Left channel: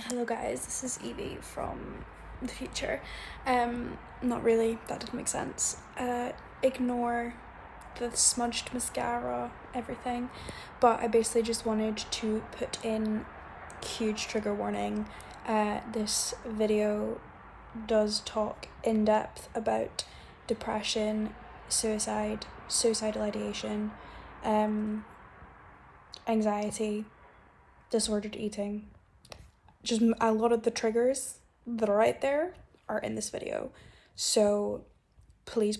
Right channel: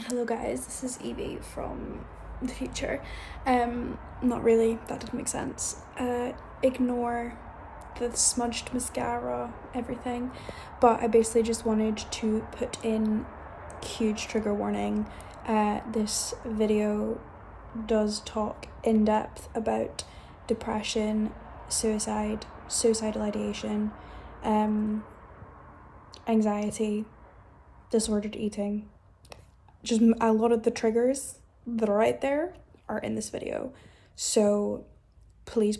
Hello guys, this is Evie from the future. Not really, that doesn't make sense. Ignore the smudged mascara, everything. But I basically just wanted to put in huge trigger warning. This video does talk in depth about depression, suicide, suicidal ideation, anxiety, disordered eating. Just a lot of the triggers that are right there are in this video. So please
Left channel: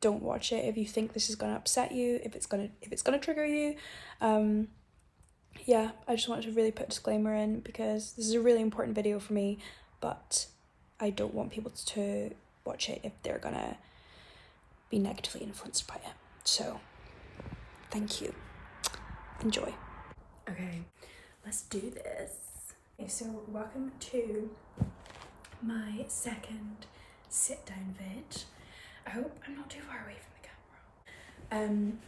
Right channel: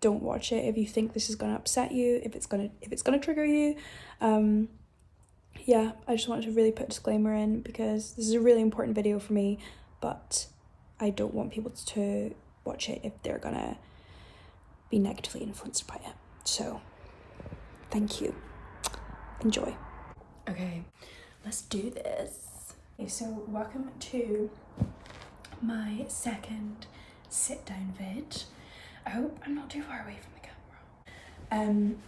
don't watch it if you think this is going to upset you, if it's going to trigger you. Yeah, I just wanted to really put a disclaimer in because this is a really important video for me, but I don't want people to watch it if they're going to be negatively influenced by it. So thank you. Enjoy. Okay, let's do this. Okay, so welcome to my second sit down vid. I hope I'm not too far away from the camera.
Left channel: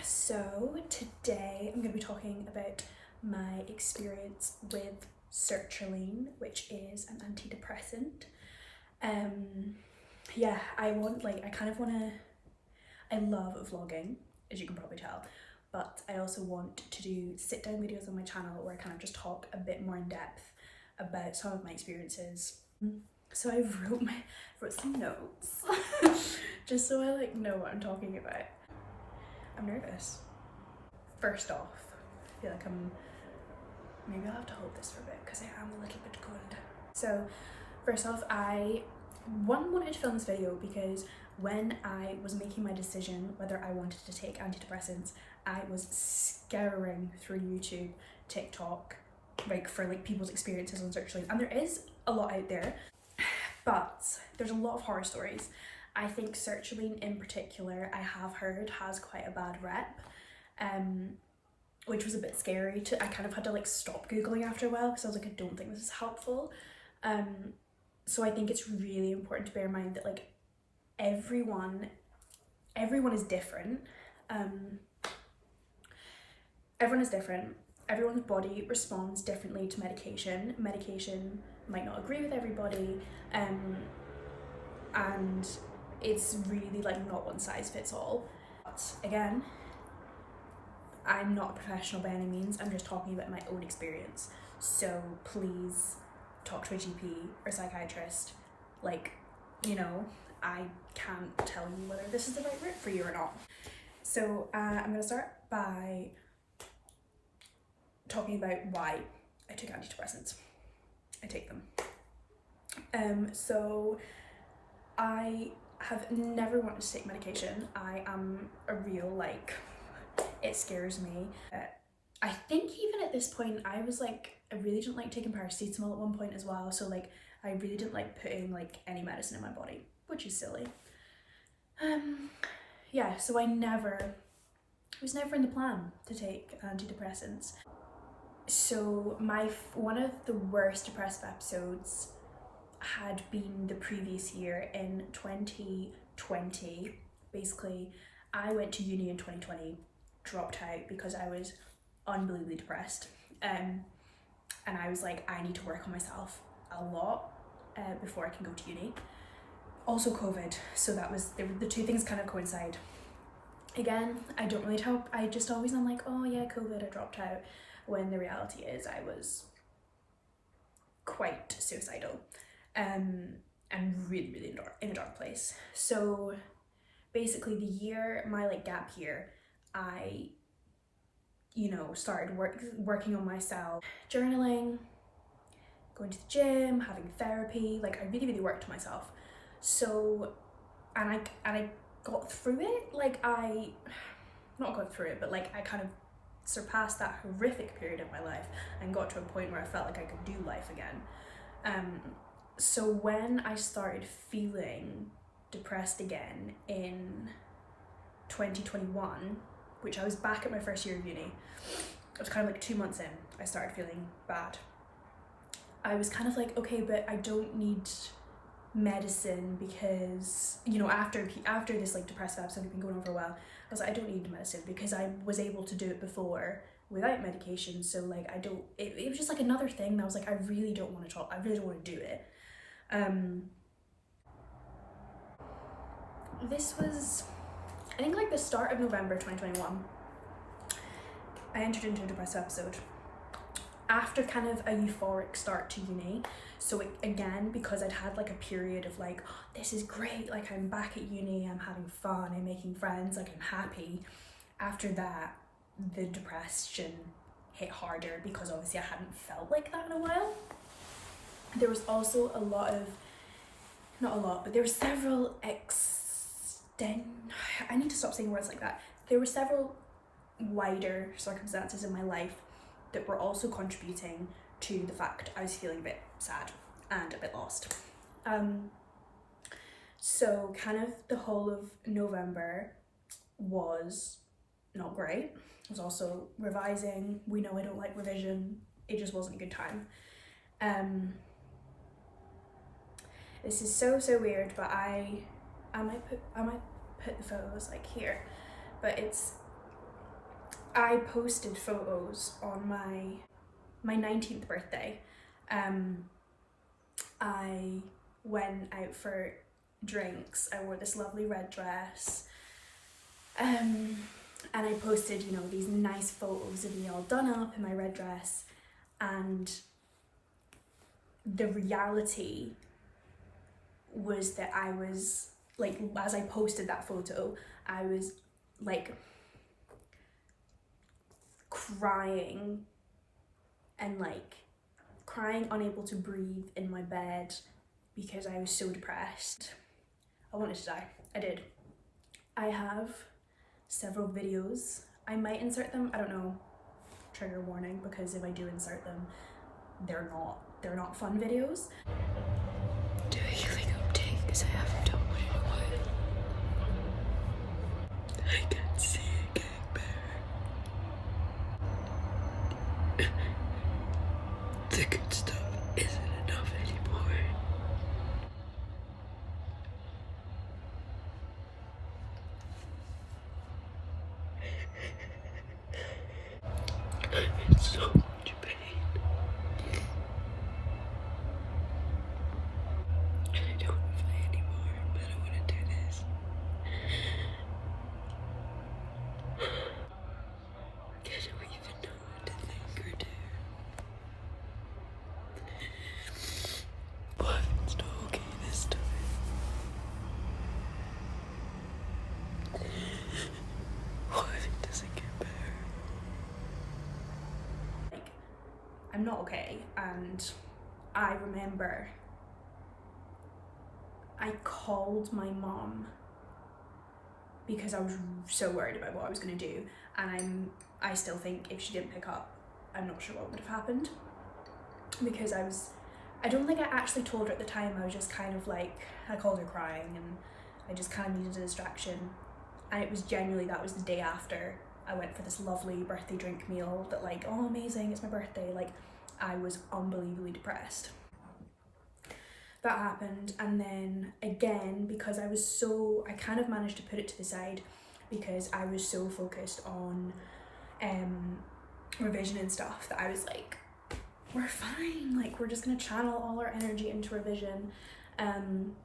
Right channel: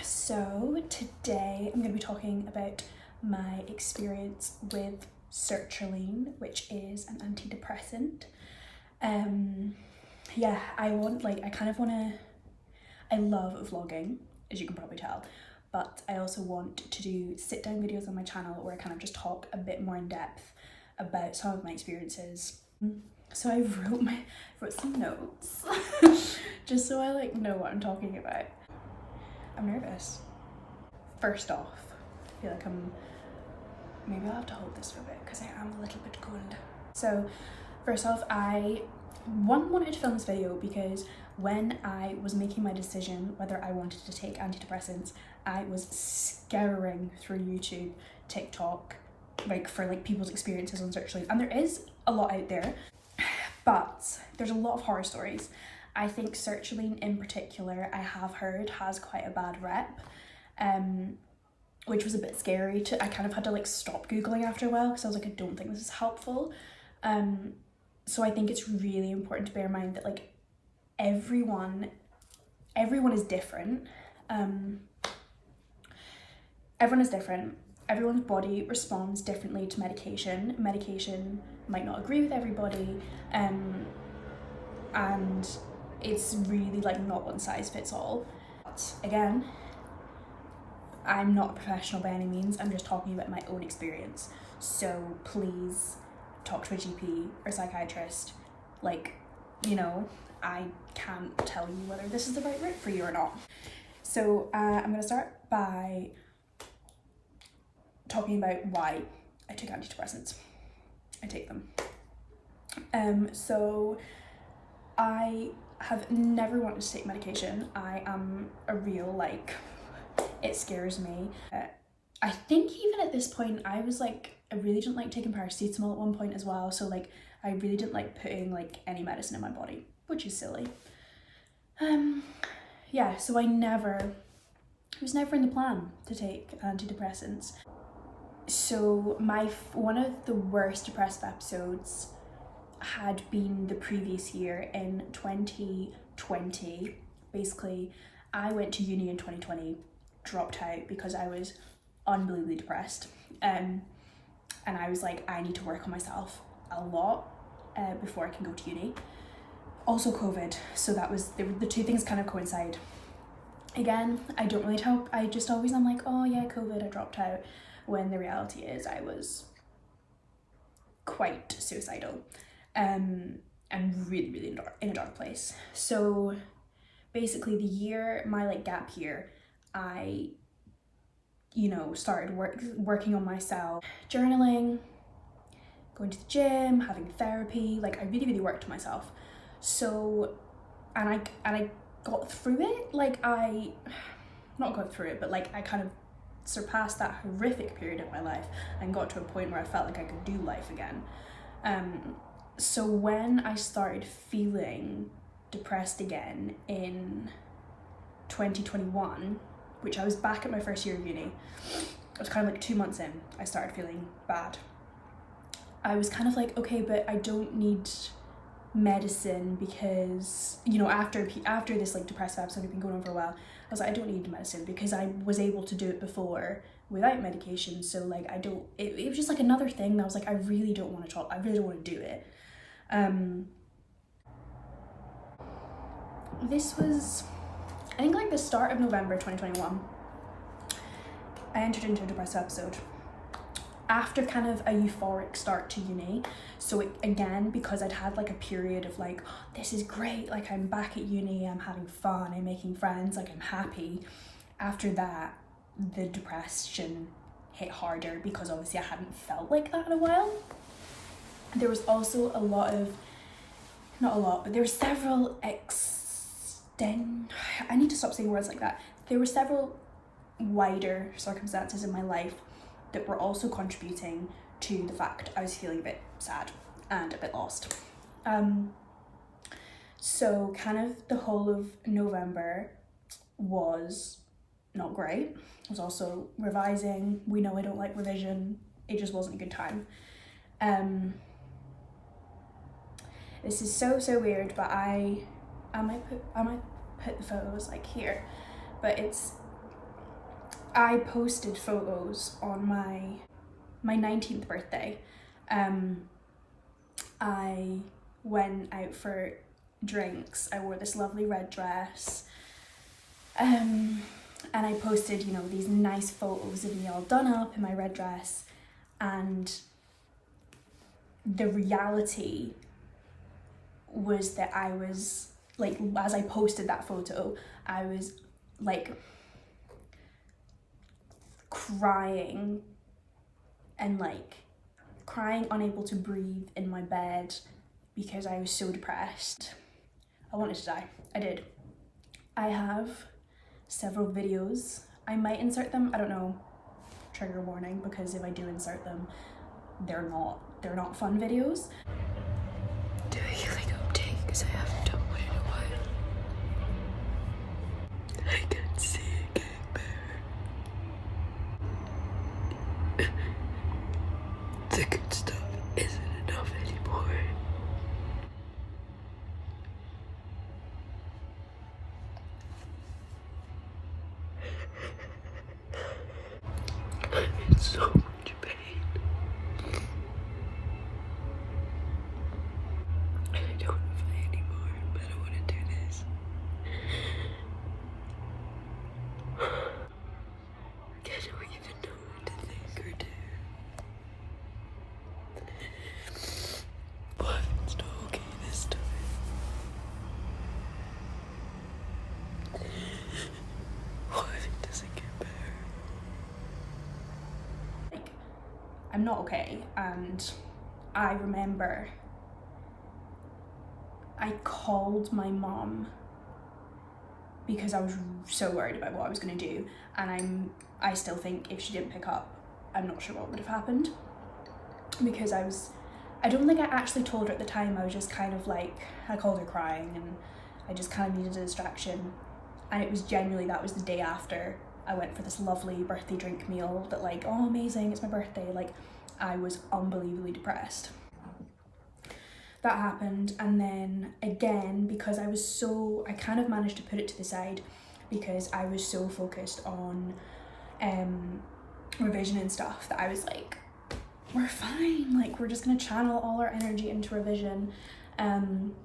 So today I'm going to be talking about my experience with sertraline, which is an antidepressant. Yeah, I love vlogging, as you can probably tell. But I also want to do sit down videos on my channel where I kind of just talk a bit more in depth about some of my experiences. So I wrote some notes just so I know what I'm talking about. I'm nervous. First off, I feel like maybe I'll have to hold this for a bit because I am a little bit cold. So first off, I wanted to film this video because when I was making my decision whether I wanted to take antidepressants, I was scouring through YouTube, TikTok, for people's experiences on sertraline, and there is a lot out there, but there's a lot of horror stories. I think sertraline in particular, I have heard, has quite a bad rep, which was a bit scary. I kind of had to stop Googling after a while because I was like, I don't think this is helpful. So I think it's really important to bear in mind that everyone is different. Everyone is different. Everyone's body responds differently to medication. Medication might not agree with everybody, and it's really not one size fits all. But again, I'm not a professional by any means. I'm just talking about my own experience. So please talk to a GP or psychiatrist. I can't tell you whether this is the right route for you or not. So I'm going to start by talking about why I took antidepressants. I take them. So I have never wanted to take medication. I am a real it scares me. I think even at this point I was I really didn't like taking paracetamol at one point as well. So I really didn't like putting any medicine in my body, which is silly. Yeah, so it was never in the plan to take antidepressants. So one of the worst depressive episodes had been the previous year in 2020. Basically, I went to uni in 2020, dropped out because I was unbelievably depressed. And I was like, I need to work on myself a lot before I can go to uni. Also COVID, so the two things kind of coincide. Again, I don't really help. I'm like, oh yeah, COVID, I dropped out, when the reality is I was quite suicidal, and really in a dark place. So basically my gap year, I started working on myself, journaling, going to the gym, having therapy. I really worked on myself. So and I got through it. I not got through it, but I kind of surpassed that horrific period of my life and got to a point where I felt like I could do life again. So when I started feeling depressed again in 2021, which I was back at my first year of uni, I was kind of 2 months in, I started feeling bad. I was kind of okay, but I don't need medicine because, after this depressive episode had been going on for a while, I was like, I don't need medicine because I was able to do it before without medication. So like it was just like another thing that I was like, I really don't want to talk, I really don't want to do it. This was, I think, like the start of November 2021. I entered into a depressive episode after kind of a euphoric start to uni. So it, again, because I'd had like a period of like, oh, this is great, like I'm back at uni, I'm having fun, I'm making friends, like I'm happy. After that, the depression hit harder because obviously I hadn't felt like that in a while. There was also a lot of, not a lot, but there were several I need to stop saying words like that. There were several wider circumstances in my life that were also contributing to the fact I was feeling a bit sad and a bit lost. So kind of the whole of November was not great. I was also revising. We know I don't like revision. It just wasn't a good time. This is so weird, but I might put the photos like here, but I posted photos on my 19th birthday. I went out for drinks. I wore this lovely red dress, and I posted, you know, these nice photos of me all done up in my red dress, and the reality was that I was like, as I posted that photo, I was like crying and like crying, unable to breathe in my bed because I was so depressed. I wanted to die. I did. I have several videos. I might insert them, I don't know, trigger warning, because if I do insert them, they're not fun videos. Do a healing update because I haven't done one in a while. I can see it getting better. The good stuff isn't enough anymore. It's so much pain. I don't want to play anymore, but I want to do this. I don't even know what to think or do. What if it's not okay this time? What if it doesn't get better? Like, I'm not okay, and I remember I called my mom because I was so worried about what I was going to do, and I still think if she didn't pick up, I'm not sure what would have happened, because I don't think I actually told her at the time. I was just kind of like, I called her crying and I just kind of needed a distraction, and it was genuinely, that was the day after I went for this lovely birthday drink meal that like, oh amazing, it's my birthday, like I was unbelievably depressed. That happened, and then again, because I kind of managed to put it to the side because I was so focused on revision and stuff that I was like, we're fine, like we're just gonna channel all our energy into revision. I don't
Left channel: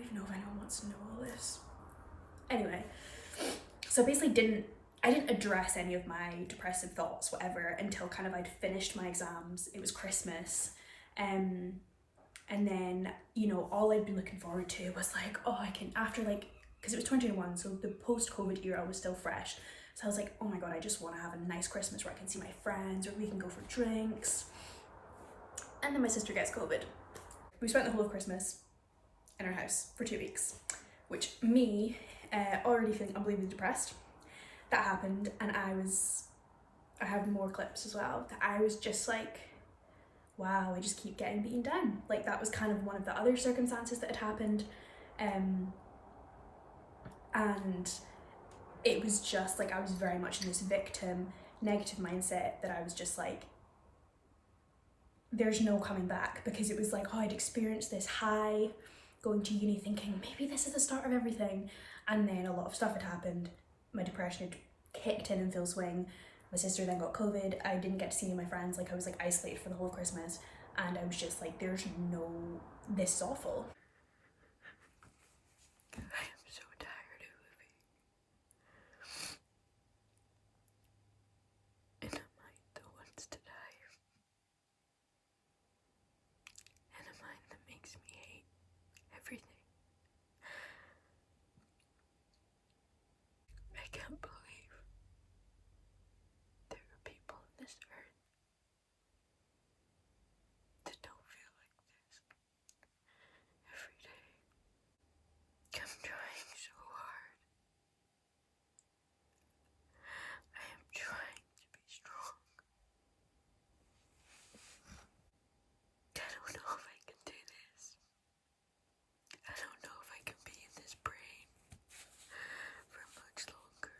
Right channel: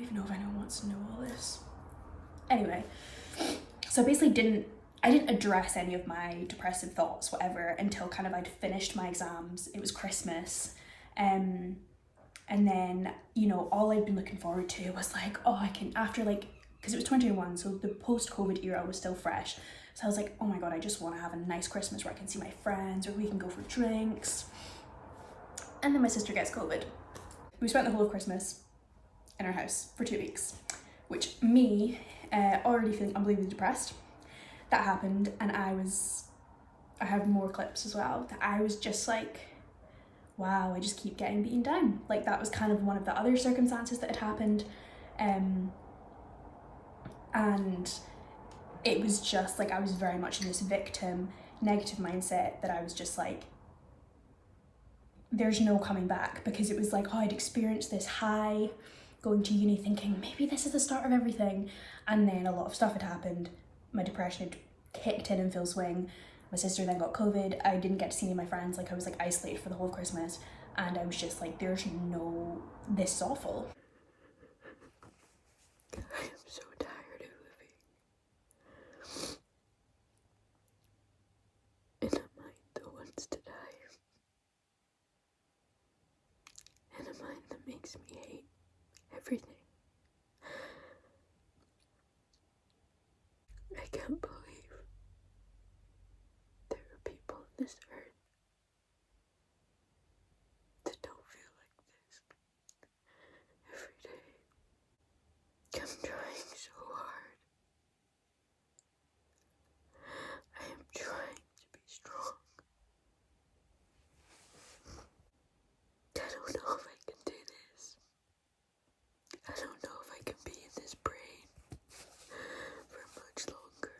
even know if anyone wants to know all this. Anyway, so basically I didn't address any of my depressive thoughts, whatever, until kind of I'd finished my exams. It was Christmas. And then, you know, all I'd been looking forward to was like, oh, I can, after like, because it was 2021, so the post-COVID era was still fresh. So I was like, oh my God, I just want to have a nice Christmas where I can see my friends, or we can go for drinks. And then my sister gets COVID. We spent the whole of Christmas in our house for 2 weeks, which me, already feeling unbelievably depressed. That happened, and I have more clips as well, that I was just like, wow, I just keep getting beaten down. Like that was kind of one of the other circumstances that had happened. And it was just like, I was very much in this victim, negative mindset that I was just like, there's no coming back, because it was like, oh, I'd experienced this high going to uni thinking maybe this is the start of everything. And then a lot of stuff had happened. My depression had kicked in full swing, My sister then got COVID. I didn't get to see any of my friends. Like I was like isolated for the whole of Christmas, and I was just like, this is awful. I am so tired of living in a mind that wants to die, in a mind that makes me hate everything. I can't believe there are people on this earth that don't feel like this every day. I'm trying so hard. I am trying to be strong. I don't know if I can do this. I don't know if I can be in this brain for much longer.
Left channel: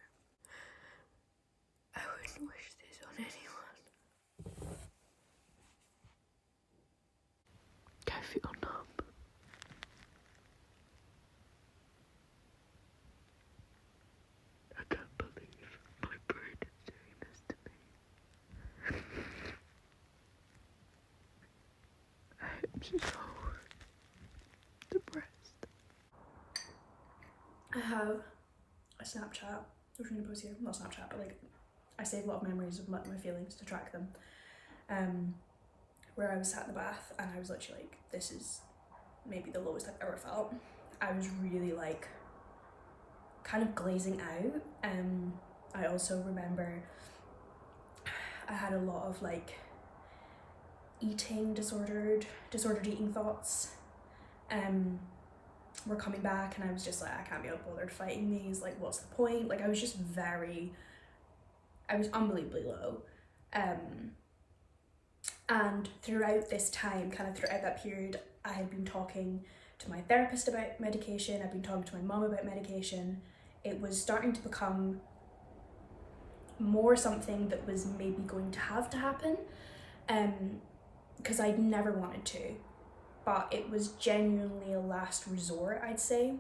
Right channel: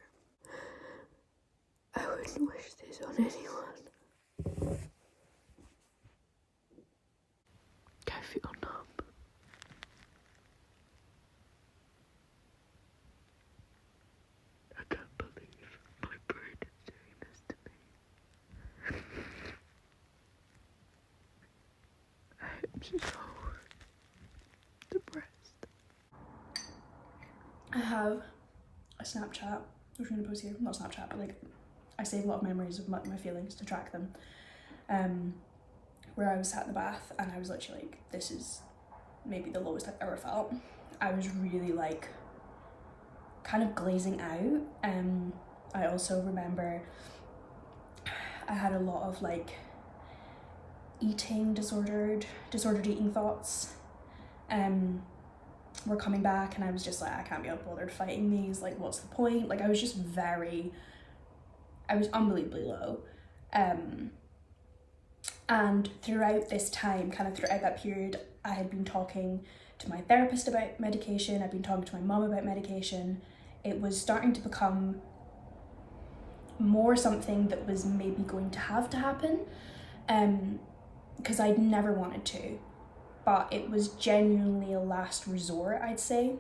I wouldn't wish this on anyone. I feel numb. I can't believe my brain is doing this to me. I'm so depressed. I have a Snapchat, which I'm gonna post here, not Snapchat, but like I save a lot of memories of my feelings to track them, where I was sat in the bath and I was literally like, this is maybe the lowest I've ever felt. I was really like kind of glazing out. I also remember I had a lot of like disordered eating thoughts were coming back, and I was just like, I can't be bothered fighting these, like what's the point? Like I was unbelievably low. And throughout this time, kind of throughout that period, I had been talking to my therapist about medication, I'd been talking to my mum about medication. It was starting to become more something that was maybe going to have to happen, because I'd never wanted to, but it was genuinely a last resort, I'd say,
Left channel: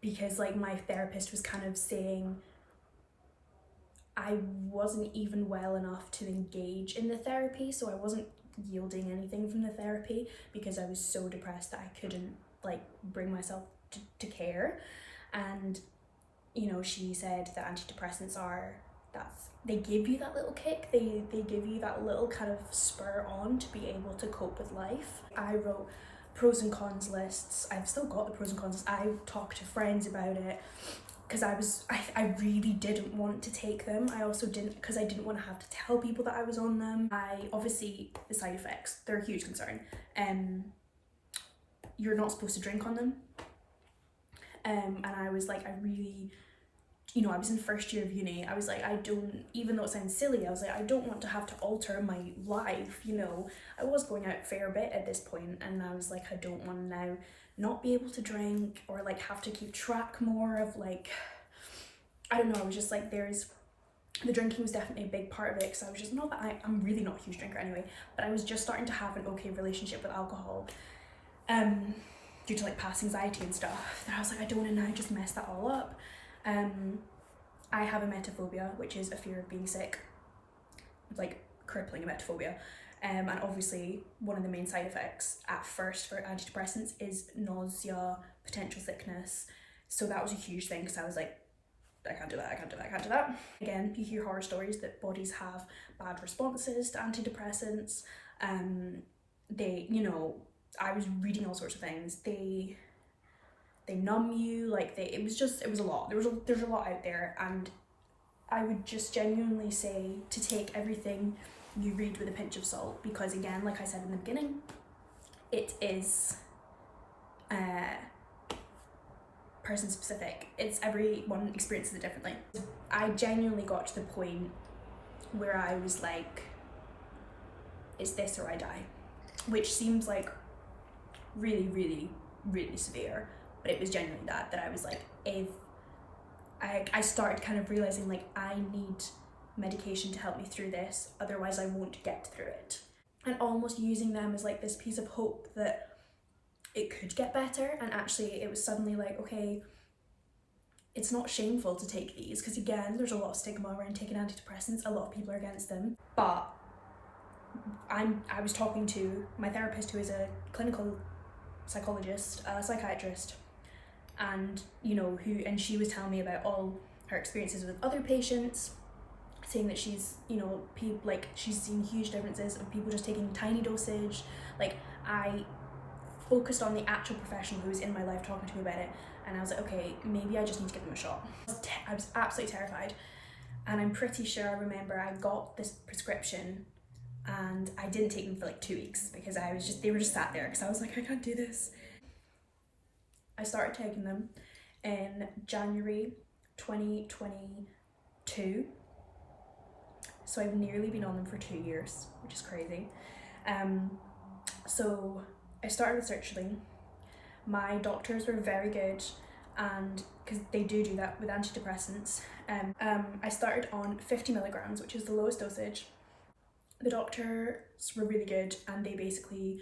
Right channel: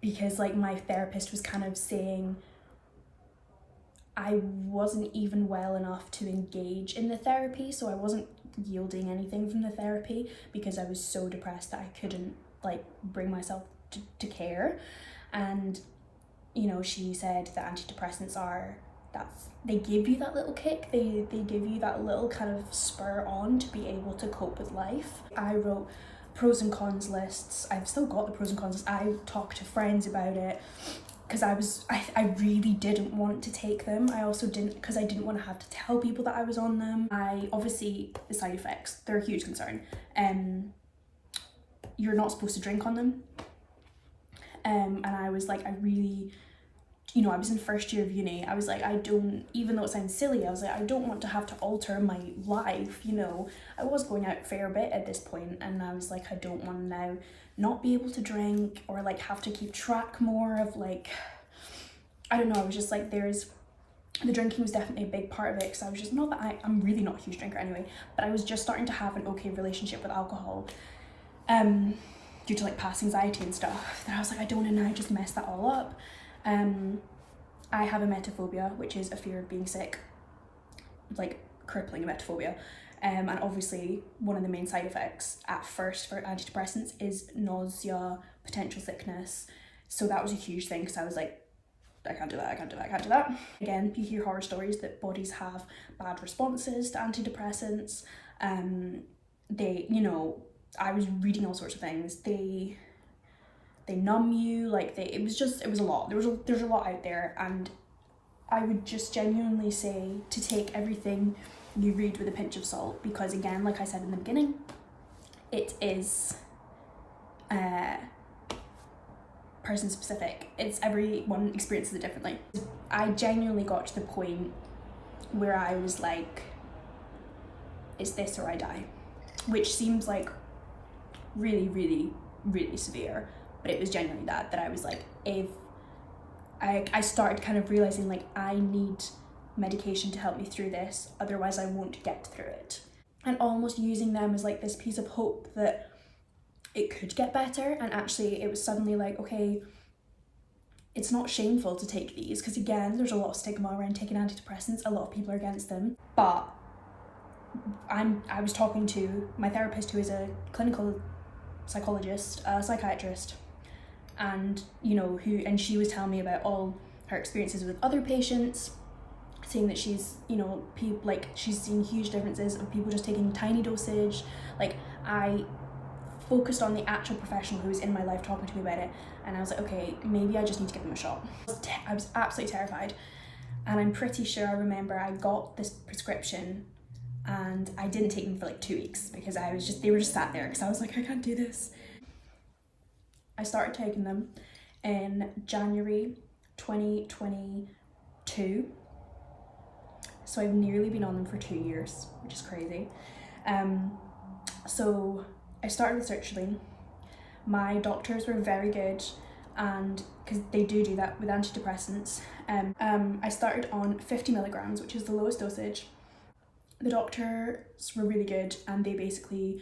because like my therapist was kind of saying I wasn't even well enough to engage in the therapy, so I wasn't yielding anything from the therapy because I was so depressed that I couldn't like bring myself to care. And you know, she said that antidepressants they give you that little kick, they give you that little kind of spur on to be able to cope with life. I wrote pros and cons lists. I've still got the pros and cons lists. I talked to friends about it because I really didn't want to take them. I also didn't, because I didn't want to have to tell people that I was on them. Obviously the side effects, they're a huge concern. You're not supposed to drink on them. And I was like, I really, you know, I was in first year of uni. I was like, even though it sounds silly, I was like, I don't want to have to alter my life, you know. I was going out a fair bit at this point, and I was like, I don't want to now not be able to drink or like have to keep track more of like, I don't know, I was just like, the drinking was definitely a big part of it, because I was just, not that I'm really not a huge drinker anyway, but I was just starting to have an okay relationship with alcohol, due to like past anxiety and stuff, that I was like, I don't want to now just mess that all up. I have emetophobia, which is a fear of being sick, like crippling emetophobia. And obviously one of the main side effects at first for antidepressants is nausea, potential sickness. So that was a huge thing, because I was like, I can't do that. Again, you hear horror stories that bodies have bad responses to antidepressants. They, you know, I was reading all sorts of things. They numb you, like it was a lot. There's a lot out there, and I would just genuinely say to take everything you read with a pinch of salt, because again, like I said in the beginning, it is person specific. It's everyone experiences it differently. I genuinely got to the point where I was like, it's this or I die, which seems like really, really, really severe, but it was genuinely that I was like, if I started kind of realizing like, I need medication to help me through this, otherwise I won't get through it, and almost using them as like this piece of hope that it could get better. And actually it was suddenly like, okay, it's not shameful to take these, because again, there's a lot of stigma around taking antidepressants. A lot of people are against them. But I was talking to my therapist, who is a clinical psychologist, a psychiatrist, and and she was telling me about all her experiences with other patients, saying that she's she's seen huge differences of people just taking tiny dosage. Like, I focused on the actual professional who was in my life talking to me about it, and I was like, okay, maybe I just need to give them a shot. I was absolutely terrified, and I'm pretty sure I remember I got this prescription and I didn't take them for like 2 weeks because they were just sat there, because I was like, I can't do this. I started taking them in January 2022, so I've nearly been on them for 2 years, which is crazy. So I started with sertraline. My doctors were very good, and because they do that with antidepressants. I started on 50 milligrams, which is the lowest dosage. The doctors were really good, and they basically,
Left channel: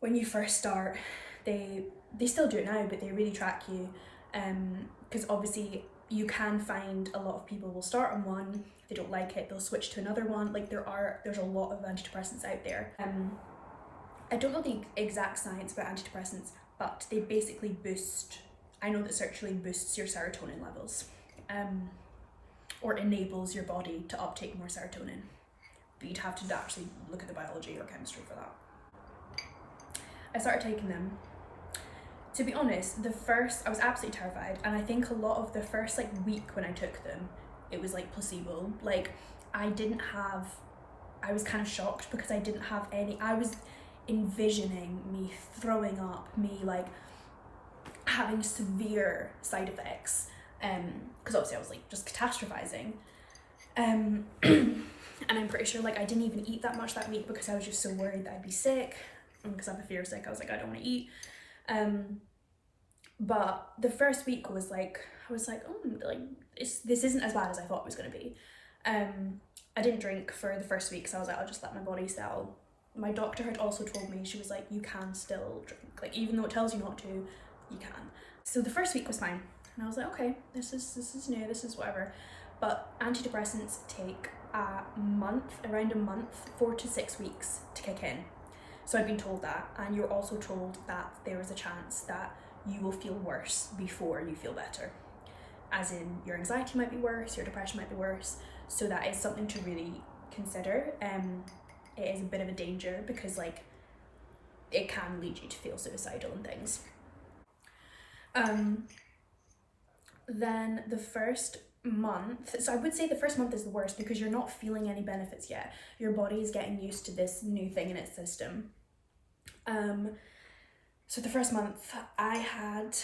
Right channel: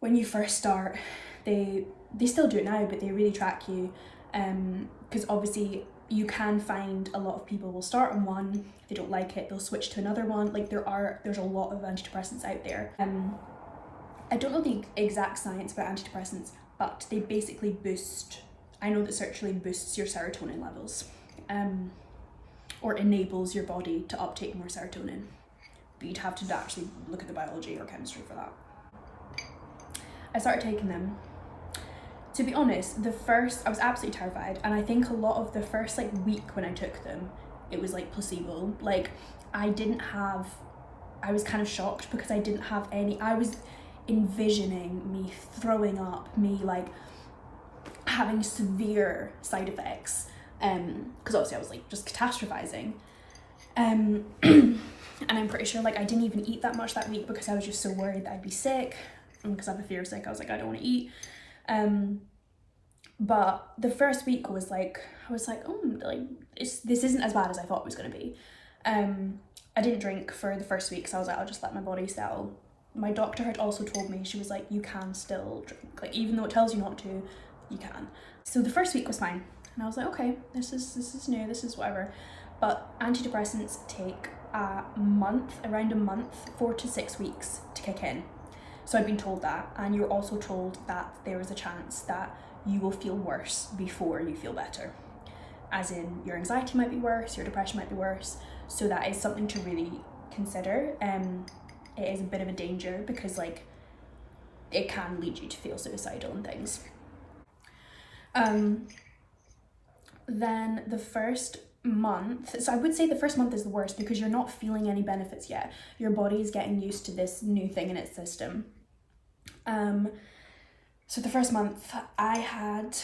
when you first start, they still do it now, but they really track you, because obviously you can find a lot of people will start on one, they don't like it, they'll switch to another one. Like, there's a lot of antidepressants out there. I don't know the exact science about antidepressants, but they basically boost, I know that sertraline boosts your serotonin levels, or enables your body to uptake more serotonin, but you'd have to actually look at the biology or chemistry for that. I started taking them. To be honest, I was absolutely terrified, and I think a lot of the first week when I took them, it was like placebo. Like, I was kind of shocked because I didn't have any, I was envisioning me throwing up, me having severe side effects, because obviously I was just catastrophizing, and I'm pretty sure I didn't even eat that much that week because I was just so worried that I'd be sick, and because I have a fear of sick, I was like, I don't want to eat. But the first week was I was like, oh, this isn't as bad as I thought it was going to be. I didn't drink for the first week, so I was like, I'll just let my body settle. My doctor had also told me, she was like, you can still drink, even though it tells you not to, you can. So the first week was fine, and I was like, okay, this is new, this is whatever. But antidepressants take around a month, 4 to 6 weeks to kick in. So I'd been told that, and you're also told that there is a chance that you will feel worse before you feel better. As in, your anxiety might be worse, your depression might be worse, so that is something to really consider. It is a bit of a danger because it can lead you to feel suicidal and things. Then the first month, so I would say the first month is the worst because you're not feeling any benefits yet. Your body is getting used to this new thing in its system. So the first month I had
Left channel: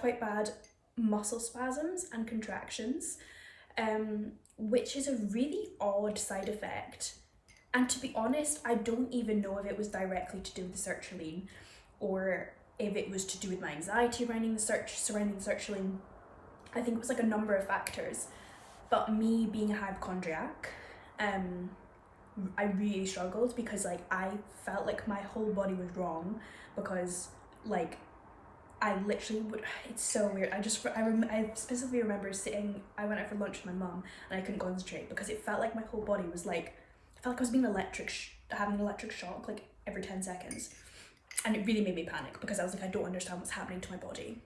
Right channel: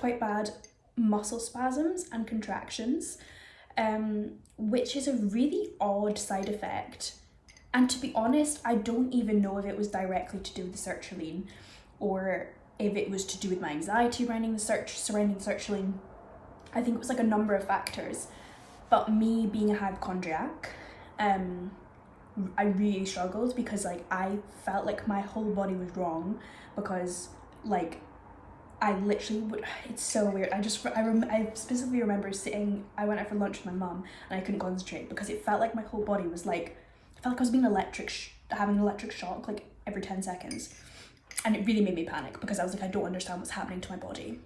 quite bad muscle spasms and contractions, which is a really odd side effect. And to be honest, I don't even know if it was directly to do with the sertraline or if it was to do with my anxiety surrounding the sertraline. I think it was a number of factors. But me being a hypochondriac, I really struggled because I felt like my whole body was wrong, because I literally would, it's so weird. I specifically remember I went out for lunch with my mum and I couldn't concentrate because it felt like my whole body was I felt like I was being having an electric shock every 10 seconds. And it really made me panic because I was I don't understand what's happening to my body.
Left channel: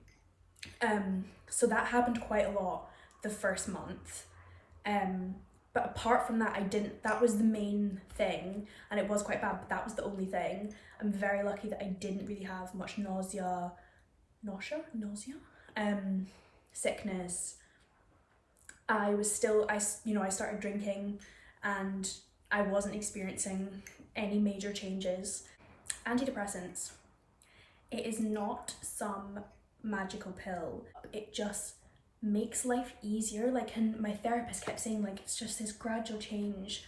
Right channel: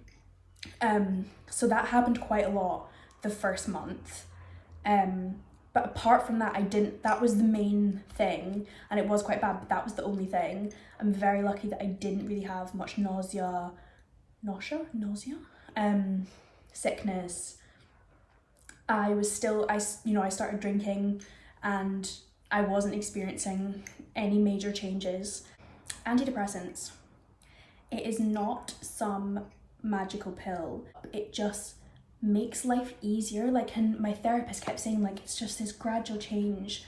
So that happened quite a lot the first month. But apart from that, that was the main thing, and it was quite bad, but that was the only thing. I'm very lucky that I didn't really have much nausea, sickness. I started drinking and I wasn't experiencing any major changes. Antidepressants, it is not some magical pill, it just makes life easier. And my therapist kept saying it's just this gradual change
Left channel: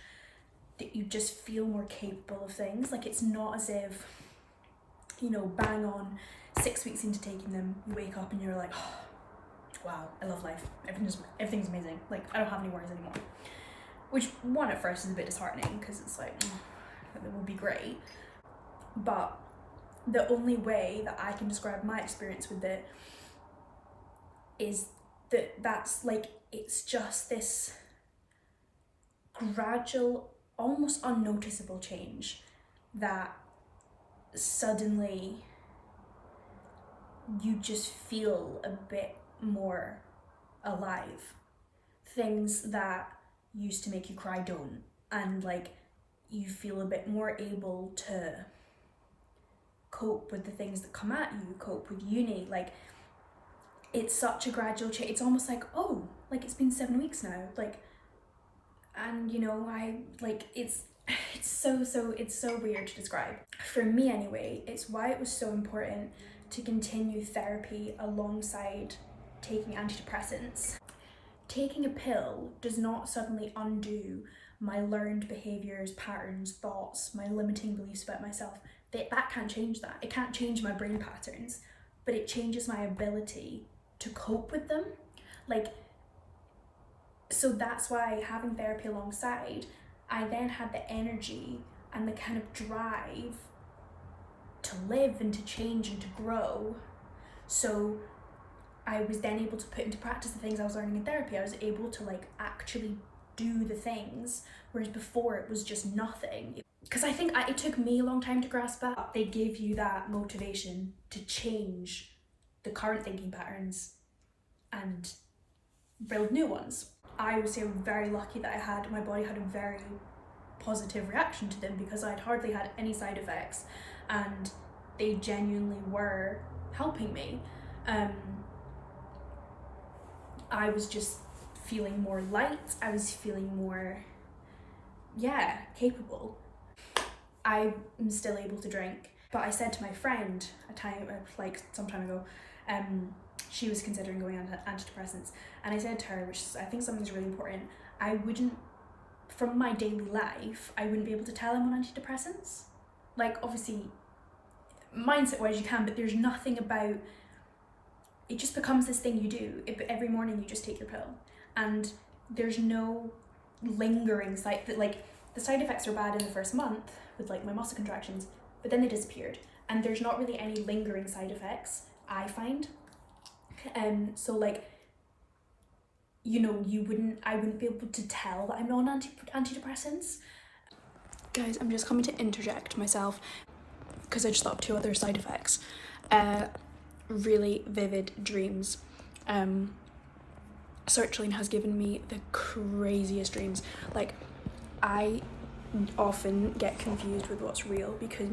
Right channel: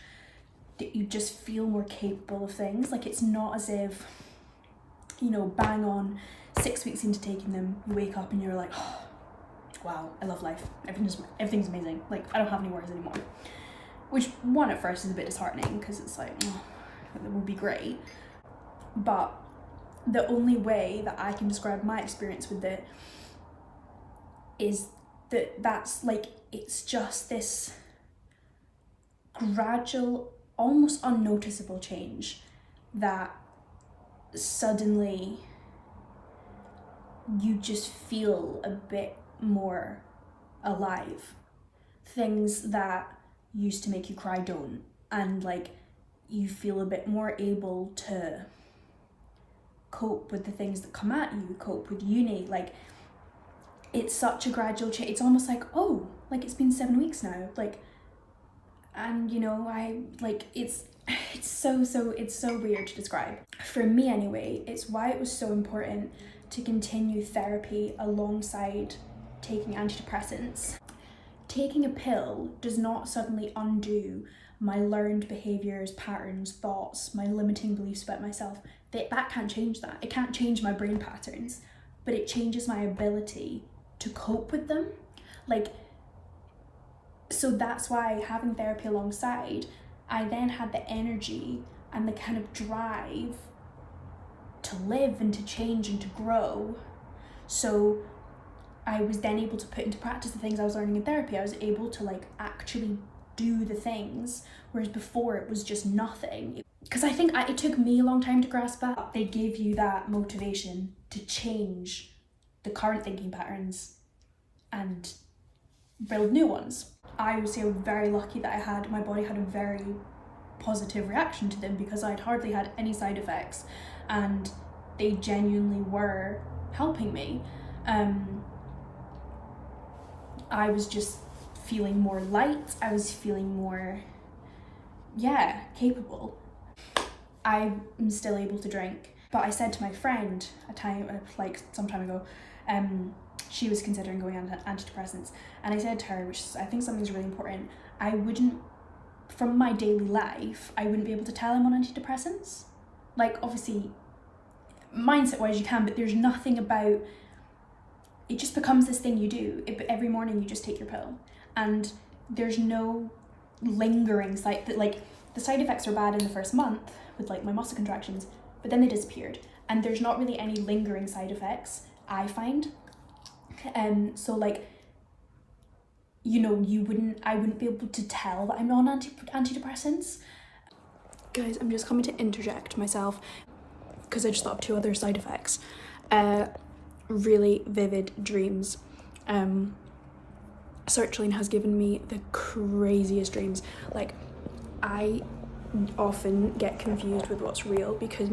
that you just feel more capable of things. It's not as if, bang on 6 weeks into taking them, you wake up and you're like, oh, wow, I love life, everything's amazing, I don't have any worries anymore. Which at first is a bit disheartening because it's it will be great. But the only way that I can describe my experience with it is that's like, it's just this gradual, almost unnoticeable change that suddenly you just feel a bit more alive. Things that used to make you cry don't, and like you feel a bit more able to cope with the things that come at you, cope with uni. Like, it's such a gradual change. It's almost like, oh, like it's been 7 weeks now, like, and you know, I like, it's so weird to describe. For me anyway, it's why it was so important to continue therapy alongside taking antidepressants. Taking a pill does not suddenly undo my learned behaviours, patterns, thoughts, my limiting beliefs about myself. That can't change that. It can't change my brain patterns, but it changes my ability to cope with them. Like, so that's why having therapy alongside, I then had the energy and the kind of drive to live and to change and to grow. So I was then able to put into practice the things I was learning in therapy. I was able to like actually do the things, whereas before it was just nothing. Because I think it took me a long time to grasp that. They give you that motivation to change the current thinking patterns and build new ones. I would say I was very lucky that my body had a very positive reaction to them, because I'd hardly had any side effects and they genuinely were helping me. I was just feeling more light. I was feeling more, capable. I am still able to drink, but I said to my friend some time ago, she was considering going on antidepressants, and I said to her, which I think something's really important, from my daily life, I wouldn't be able to tell I'm on antidepressants. Like, obviously, mindset-wise you can, but there's nothing about, it just becomes this thing you do. Every morning you just take your pill, and there's no lingering the side effects are bad in the first month with like my muscle contractions, but then they disappeared, and there's not really any lingering side effects, I find. So like, you know, I wouldn't be able to tell that I'm on antidepressants. Guys, I'm just coming to interject myself because I just thought of 2 other side effects. Really vivid dreams. Sertraline has given me the craziest dreams. Like, I often get confused with what's real, because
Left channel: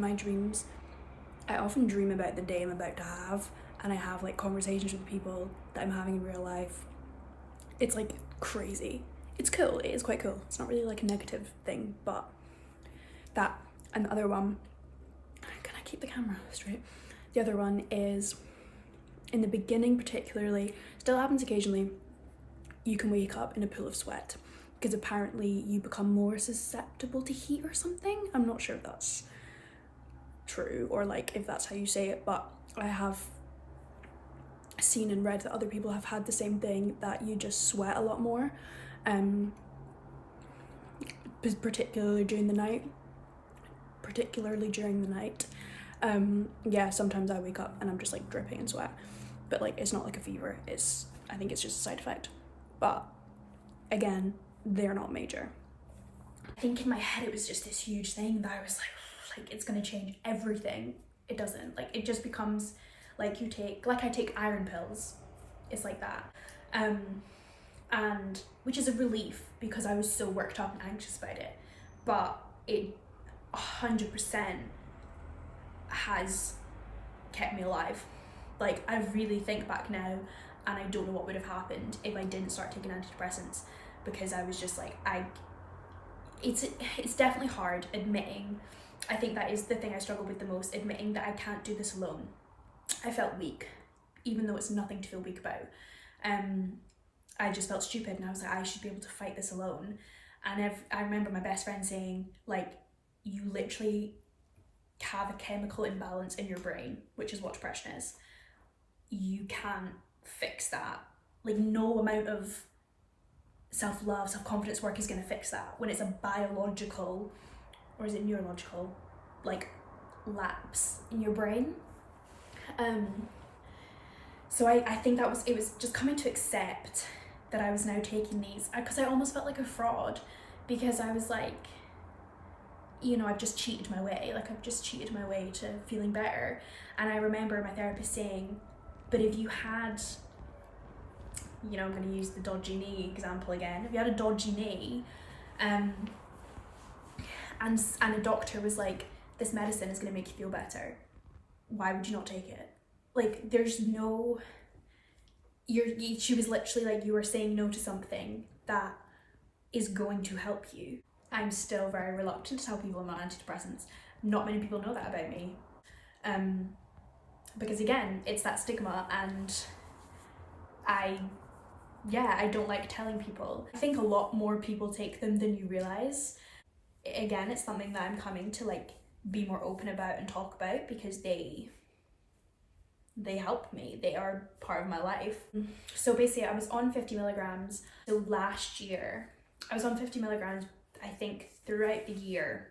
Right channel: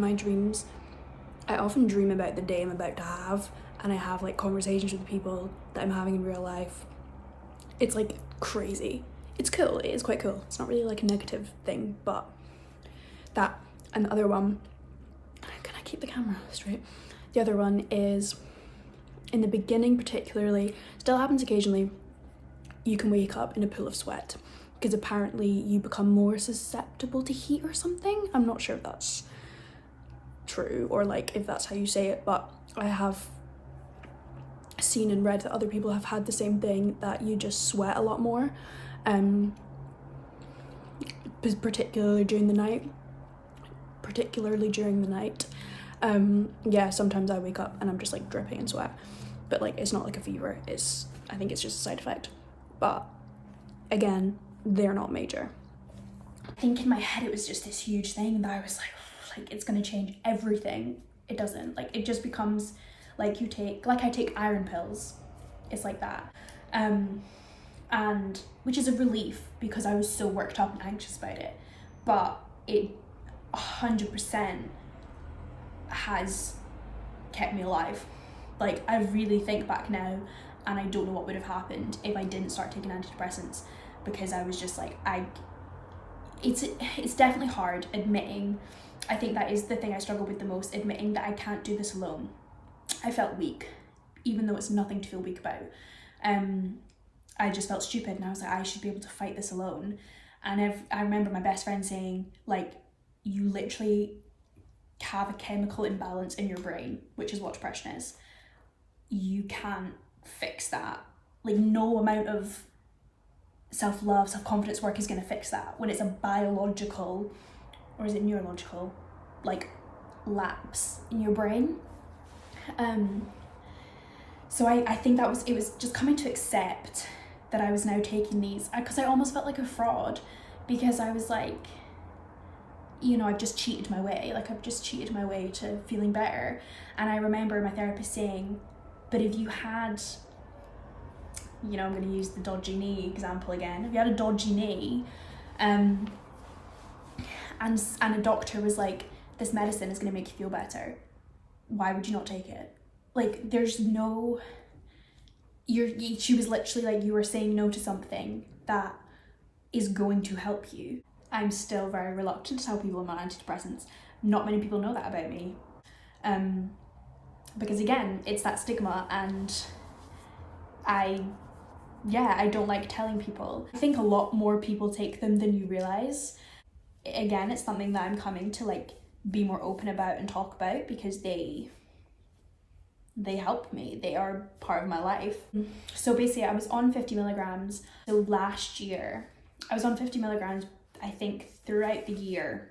I often dream about the day I'm about to have, and I have like conversations with people that I'm having in real life. It's like crazy. It's cool, it is quite cool. It's not really like a negative thing, but that. And the other one, can I keep the camera straight? The other one is, in the beginning particularly, still happens occasionally, you can wake up in a pool of sweat, because apparently you become more susceptible to heat or something. I'm not sure if that's true or like if that's how you say it, but I have seen and read that other people have had the same thing, that you just sweat a lot more, particularly during the night. Sometimes I wake up and I'm just like dripping in sweat, but like it's not like a fever, I think it's just a side effect. But again, they're not major. I think in my head it was just this huge thing that I was like it's gonna change everything. It doesn't. Like, it just becomes like I take iron pills. It's like that. And which is a relief, because I was so worked up and anxious about it. But it 100% has kept me alive. Like, I really think back now, and I don't know what would have happened if I didn't start taking antidepressants, because I was just like, it's definitely hard admitting. I think that is the thing I struggle with the most, admitting that I can't do this alone. I felt weak, even though it's nothing to feel weak about. I just felt stupid, and I was like, I should be able to fight this alone. And I remember my best friend saying, like, you literally have a chemical imbalance in your brain, which is what depression is. You can't fix that. Like, no amount of self-love, self-confidence work is going to fix that, when it's a biological, or is it neurological, like, lapse in your brain. So I think it was just coming to accept that I was now taking these, because I almost felt like a fraud, because I was like, you know, I've just cheated my way to feeling better. And I remember my therapist saying, but if you had, you know, I'm going to use the dodgy knee example again, if you had a dodgy knee, and a doctor was like, this medicine is going to make you feel better, why would you not take it? Like, there's no, she was literally like, you are saying no to something that is going to help you. I'm still very reluctant to tell people I'm on antidepressants. Not many people know that about me. Because again, it's that stigma, and I don't like telling people. I think a lot more people take them than you realise. Again, it's something that I'm coming to like be more open about and talk about, because they help me. They are part of my life. So basically, I was on 50 milligrams. So last year, I was on 50 milligrams, I think, throughout the year.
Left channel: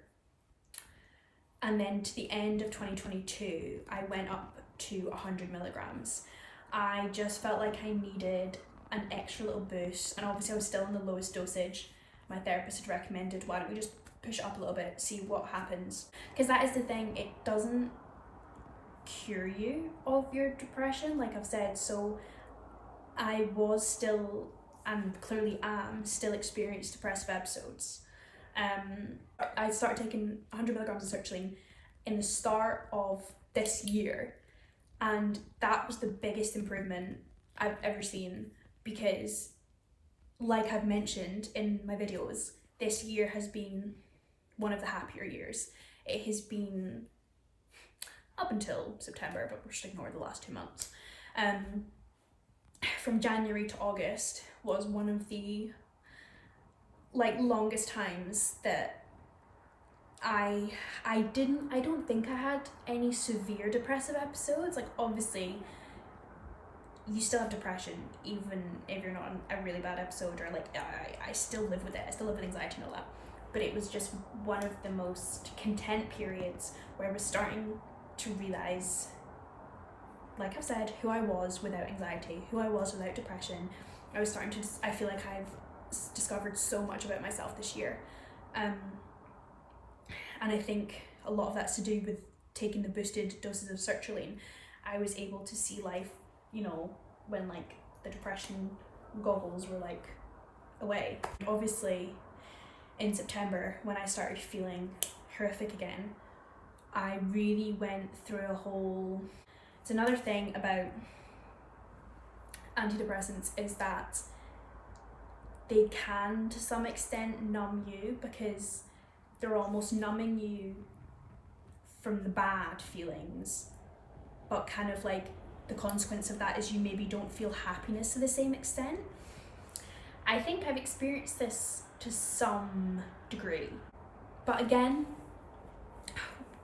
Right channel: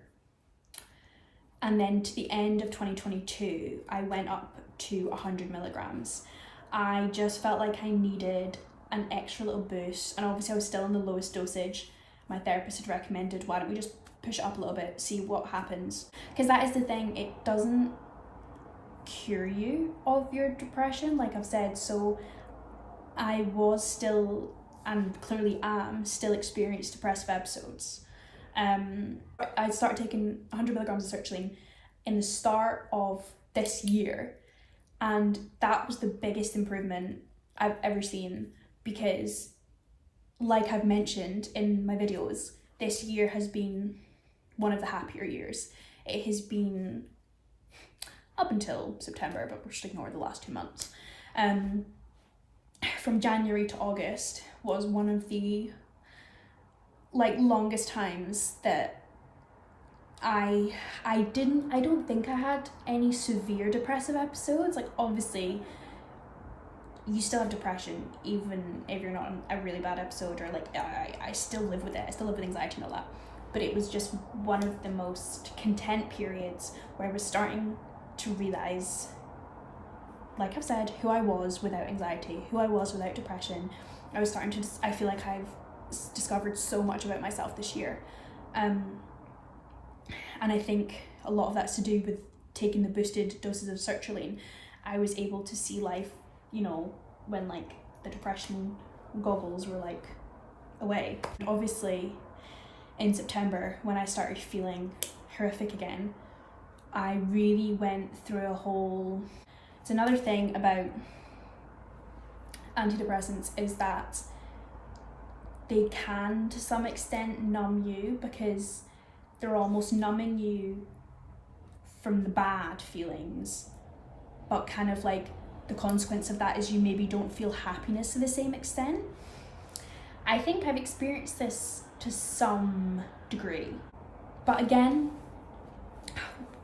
And then to the end of 2022, I went up to 100 milligrams. I just felt like I needed an extra little boost. And obviously I was still in the lowest dosage. My therapist had recommended, why don't we just push it up a little bit, see what happens. Because that is the thing, it doesn't cure you of your depression, like I've said. So I was still, and clearly am, still experiencing depressive episodes. I started taking 100 milligrams of sertraline in the start of this year, and that was the biggest improvement I've ever seen, because like I've mentioned in my videos, this year has been one of the happier years. It has been up until September, but we'll just ignore the last 2 months. From January to August was one of the like longest times that I don't think I had any severe depressive episodes. Like, obviously you still have depression even if you're not in a really bad episode, or like I still live with it. I still live with anxiety and all that. But it was just one of the most content periods where I was starting to realise, like I've said, who I was without anxiety, who I was without depression. I was starting to, I feel like I've discovered so much about myself this year. And I think a lot of that's to do with taking the boosted doses of sertraline. I was able to see life, you know, when like the depression goggles were like away. Obviously in September, when I started feeling horrific again, I really went through a whole... It's another thing about antidepressants is that they can to some extent numb you, because they're almost numbing you from the bad feelings, but kind of like the consequence of that is you maybe don't feel happiness to the same extent. I think I've experienced this to some degree, but again,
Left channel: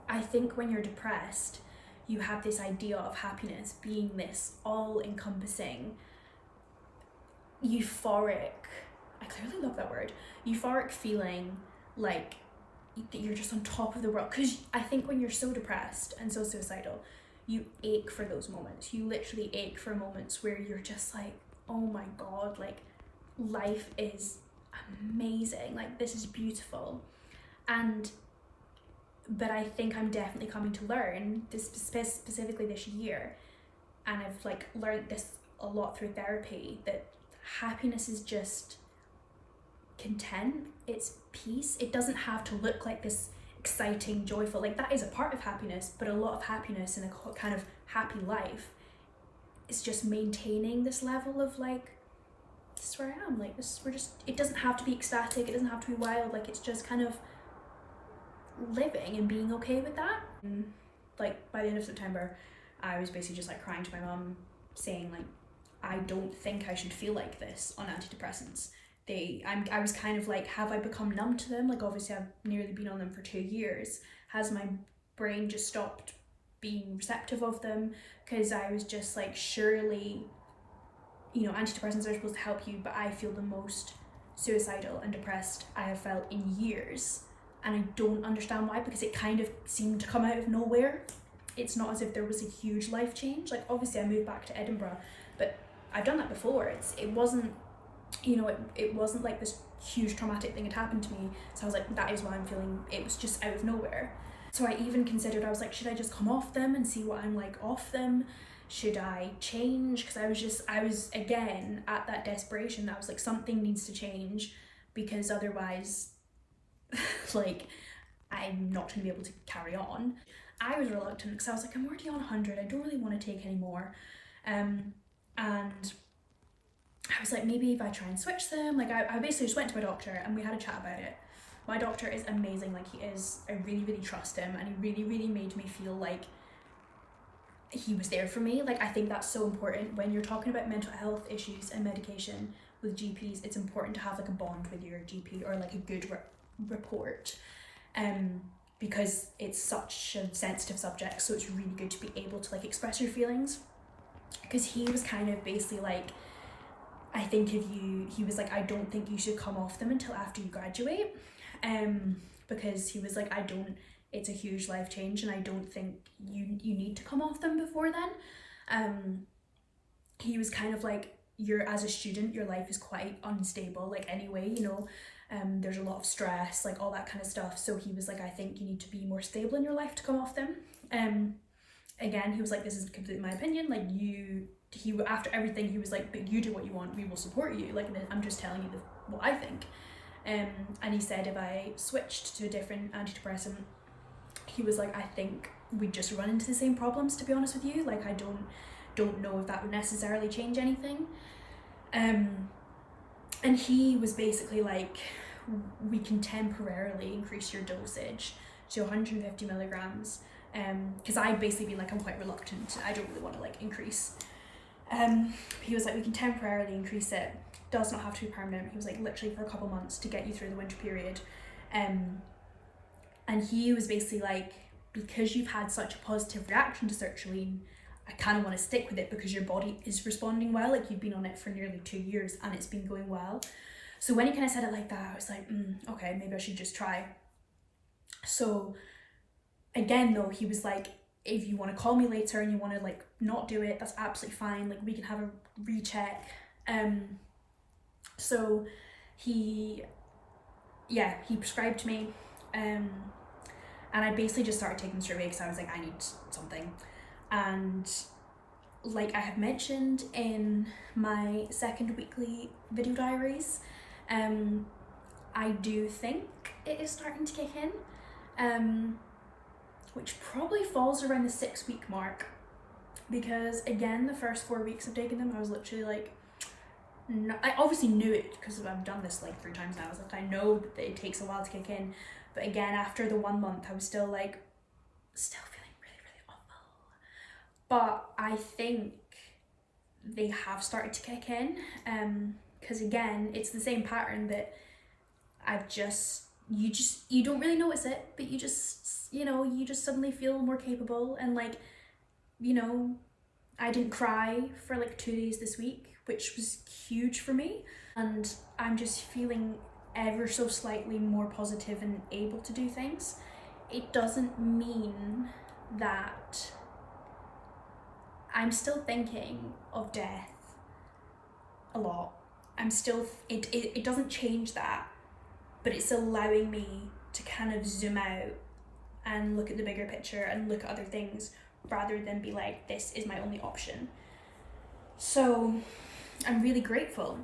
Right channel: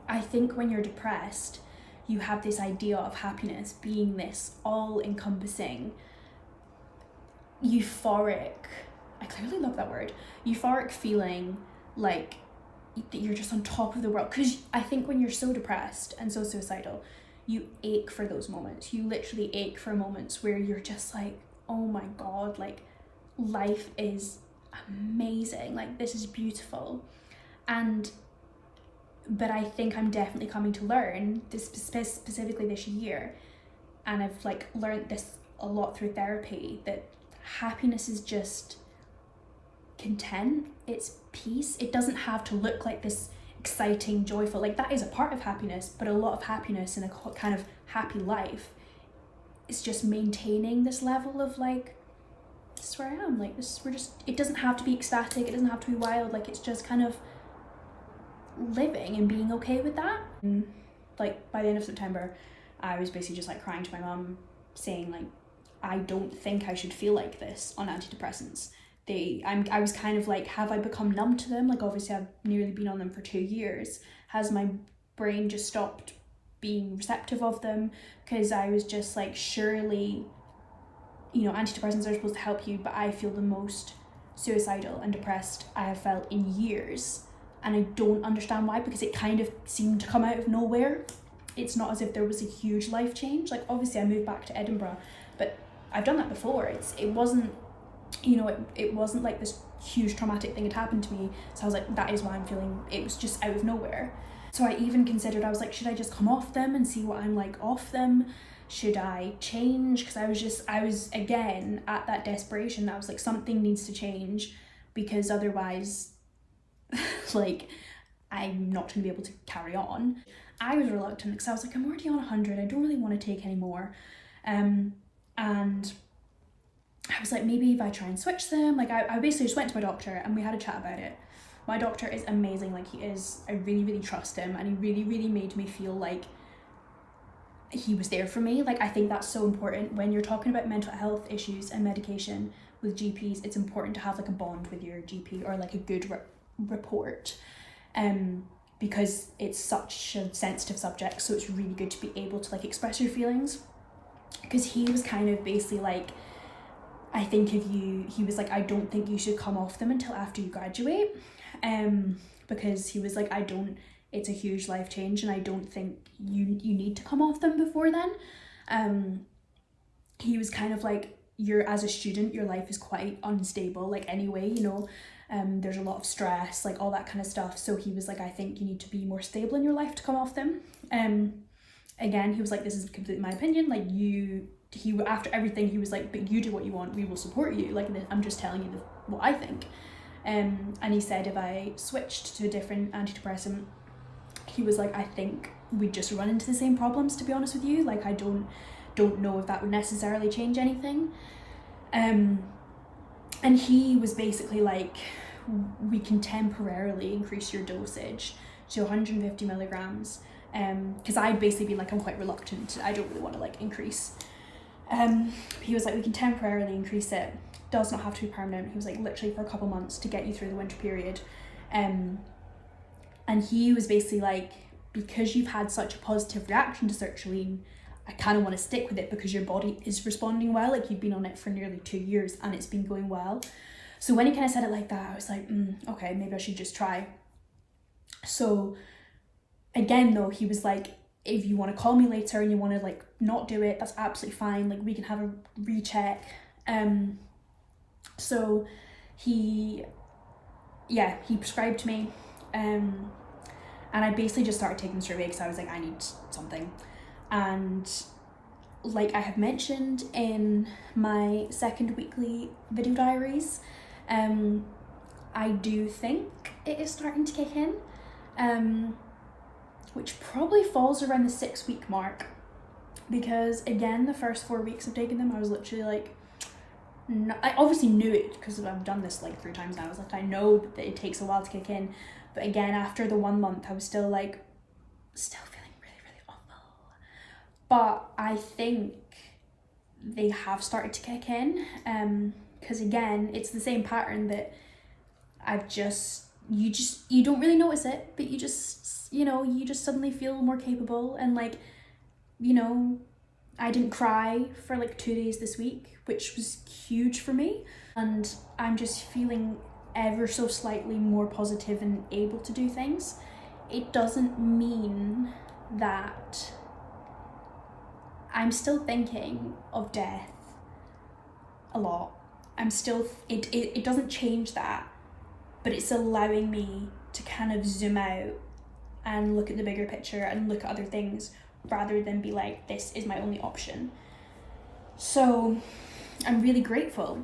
I think when you're depressed, you have this idea of happiness being this all-encompassing, euphoric, I clearly love that word, euphoric feeling like that you're just on top of the world. Because I think when you're so depressed and so suicidal, you ache for those moments. You literally ache for moments where you're just like, oh my god, like life is amazing, like this is beautiful. But I think I'm definitely coming to learn this specifically this year, and I've like learned this a lot through therapy, that happiness is just content, it's peace. It doesn't have to look like this exciting, joyful, like that is a part of happiness, but a lot of happiness in a kind of happy life is just maintaining this level of like, this is where I am, like this, we're just, it doesn't have to be ecstatic, it doesn't have to be wild, like it's just kind of living and being okay with that. And like by the end of September, I was basically just like crying to my mum, saying like, I don't think I should feel like this on antidepressants. I was kind of like, have I become numb to them? Like obviously I've nearly been on them for 2 years. Has my brain just stopped being receptive of them? Because I was just like, surely, you know, antidepressants are supposed to help you, but I feel the most suicidal and depressed I have felt in years. And I don't understand why, because it kind of seemed to come out of nowhere. it's not as if there was a huge life change. Like obviously I moved back to Edinburgh, but I've done that before. It wasn't, you know, it wasn't like this huge traumatic thing had happened to me. So I was like, that is why I'm feeling, it was just out of nowhere. So I even considered, I was like, should I just come off them and see what I'm like off them? Should I change? Because I was again at that desperation. I was like, something needs to change, because otherwise like I'm not going to be able to carry on. I was reluctant because I was like, I'm already on 100, I don't really want to take any more. And I was like, maybe if I try and switch them, like I basically just went to my doctor and we had a chat about it. My doctor is amazing, like he is, I really, really trust him, and he really, really made me feel like he was there for me. Like I think that's so important when you're talking about mental health issues and medication with GPs. It's important to have like a bond with your GP, or like a good report, because it's such a sensitive subject, so it's really good to be able to like express your feelings. Because he was kind of basically like, I think he was like, I don't think you should come off them until after you graduate, because he was like, it's a huge life change and I don't think you need to come off them before then. He was kind of like, as a student, your life is quite unstable, like anyway, you know, there's a lot of stress, like all that kind of stuff. So he was like, I think you need to be more stable in your life to come off them. Again, he was like, this is completely my opinion, like after everything, he was like, but you do what you want, we will support you, like I'm just telling you what I think. And he said if I switched to a different antidepressant, he was like, I think we'd just run into the same problems, to be honest with you. Like I don't know if that would necessarily change anything. And he was basically like, we can temporarily increase your dosage to 150 milligrams, because I'd basically been like, I'm quite reluctant, I don't really want to like increase. He was like, we can temporarily increase it, does not have to be permanent. He was like, literally for a couple months to get you through the winter period. And he was basically like, because you've had such a positive reaction to sertraline, I kind of want to stick with it because your body is responding well. Like you've been on it for nearly 2 years and it's been going well. So when he kind of said it like that, I was like, okay, maybe I should just try. So again, though, he was like, if you want to call me later and you want to like not do it, that's absolutely fine. Like we can have a recheck. So he prescribed me, and I basically just started taking straight away because I was like, I need something. And like I have mentioned in my second weekly video diaries, I do think it is starting to kick in, which probably falls around the 6-week mark, because again, the first 4 weeks of taking them, I was literally like, I obviously knew it because I've done this like 3 times now. I was like, I know that it takes a while to kick in, but again, after the 1 month, I was still feeling really, really awful. But I think they have started to kick in, because again, it's the same pattern that you don't really notice it, but you just suddenly feel more capable. And like, you know, I didn't cry for like 2 days this week, which was huge for me. And I'm just feeling ever so slightly more positive and able to do things. It doesn't mean that I'm still thinking of death a lot. It doesn't change that, but it's allowing me to kind of zoom out and look at the bigger picture and look at other things, rather than be like, this is my only option. So I'm really grateful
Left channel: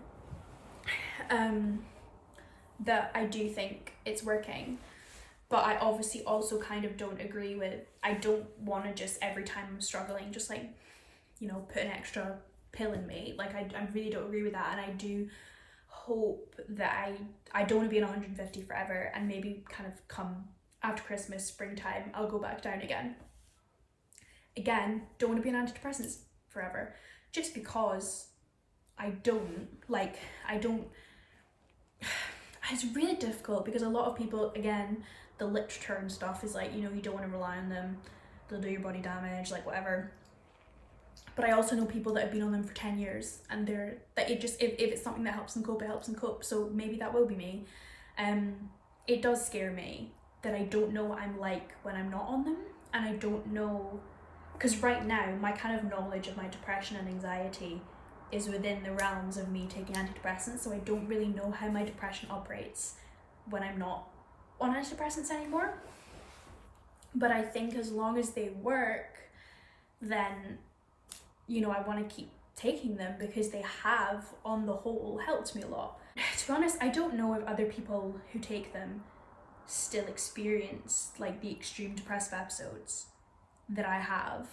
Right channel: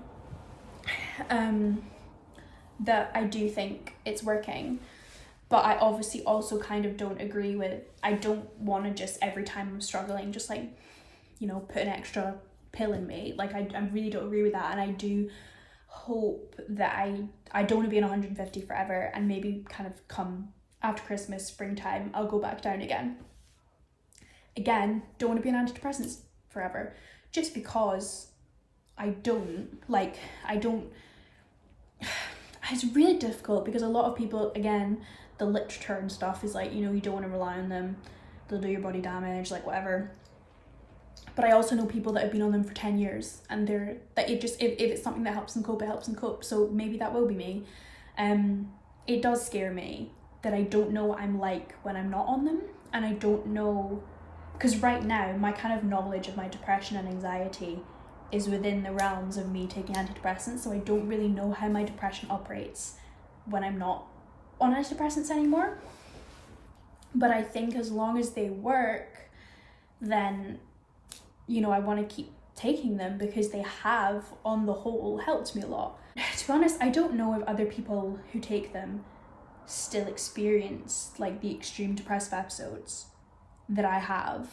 that I do think it's working, but I obviously also kind of don't agree with, I don't want to just every time I'm struggling just like, you know, put an extra pill in me. Like I really don't agree with that, and I do hope that I don't want to be on 150 forever, and maybe kind of come after Christmas, springtime, I'll go back down again. Again, don't want to be on antidepressants forever, just because it's really difficult, because a lot of people, again, the literature and stuff is like, you know, you don't want to rely on them, they'll do your body damage, like whatever. But I also know people that have been on them for 10 years, and if it's something that helps them cope, it helps them cope. So maybe that will be me. It does scare me that I don't know what I'm like when I'm not on them, and I don't know because right now my kind of knowledge of my depression and anxiety is within the realms of me taking antidepressants, so I don't really know how my depression operates when I'm not on antidepressants anymore. But I think as long as they work, then, you know, I want to keep taking them because they have, on the whole, helped me a lot. To be honest, I don't know if other people who take them still experience like the extreme depressive episodes that I have,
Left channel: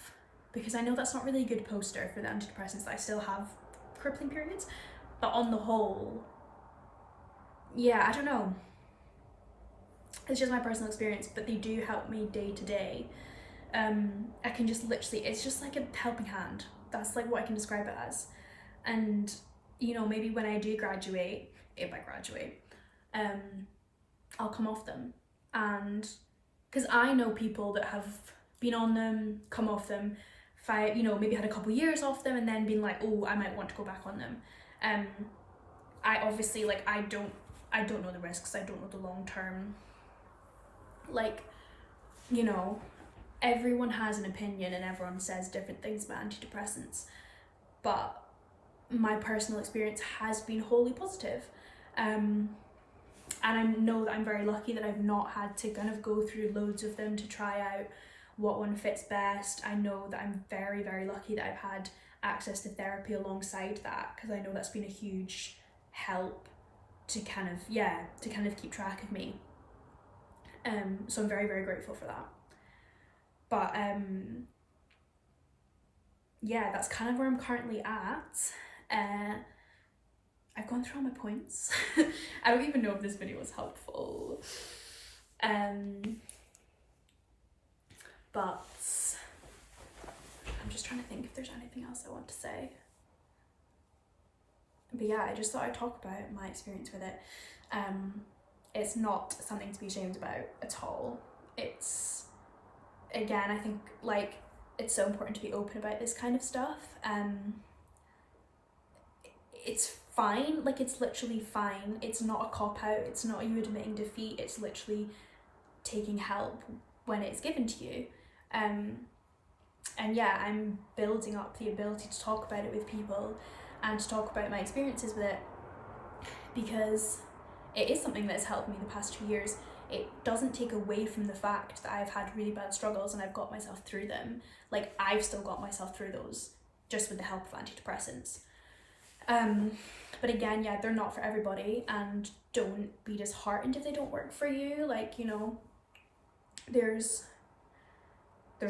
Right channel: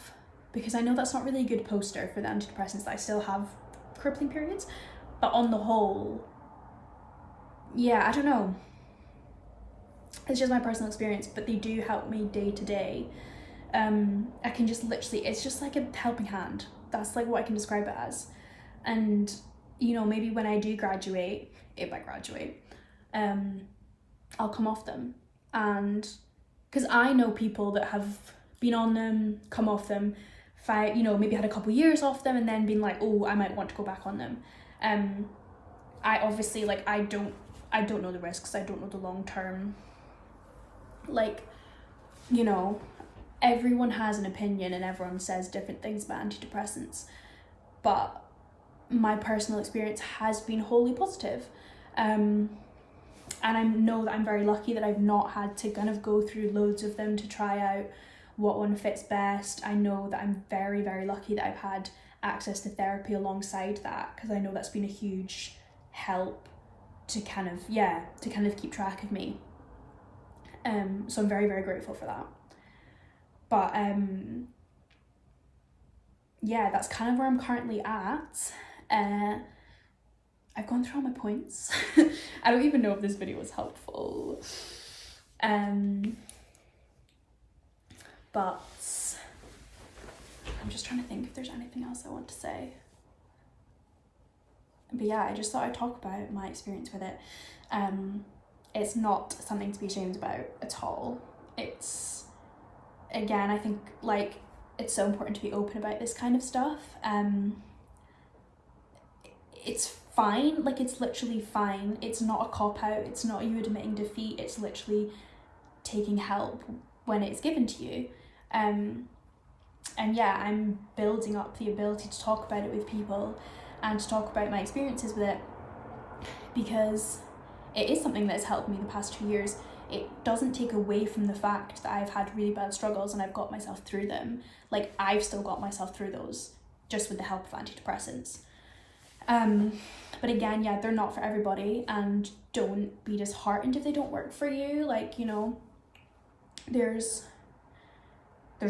because I know that's not really a good poster for the antidepressants, that I still have crippling periods. But on the whole, yeah, I don't know. It's just my personal experience, but they do help me day to day. I can just literally, it's just like a helping hand. That's like what I can describe it as. And, you know, maybe when I do graduate, if I graduate, I'll come off them. And because I know people that have been on them, come off them, you know, maybe had a couple years off them and then been like, oh, I might want to go back on them. I obviously, like, I don't know the risks. I don't know the long term, like, you know, everyone has an opinion and everyone says different things about antidepressants, but my personal experience has been wholly positive. And I know that I'm very lucky that I've not had to kind of go through loads of them to try out what one fits best. I know that I'm very, very lucky that I've had access to therapy alongside that, because I know that's been a huge help to kind of keep track of me. So I'm very, very grateful for that. But yeah, that's kind of where I'm currently at. I've gone through all my points. I don't even know if this video was helpful. But I'm just trying to think if there's anything else I want to say. But yeah, I just thought I'd talk about my experience with it. It's not something to be ashamed about at all. It's, again, I think, like, it's so important to be open about this kind of stuff. It's fine, like, it's literally fine. It's not a cop-out, it's not you admitting defeat, it's literally taking help when it's given to you. And yeah, I'm building up the ability to talk about it with people and to talk about my experiences with it, because it is something that's helped me the past 2 years. It doesn't take away from the fact that I've had really bad struggles and I've got myself through them. Like, I've still got myself through those just with the help of antidepressants. But again, yeah, they're not for everybody, and don't be disheartened if they don't work for you. Like, you know, there's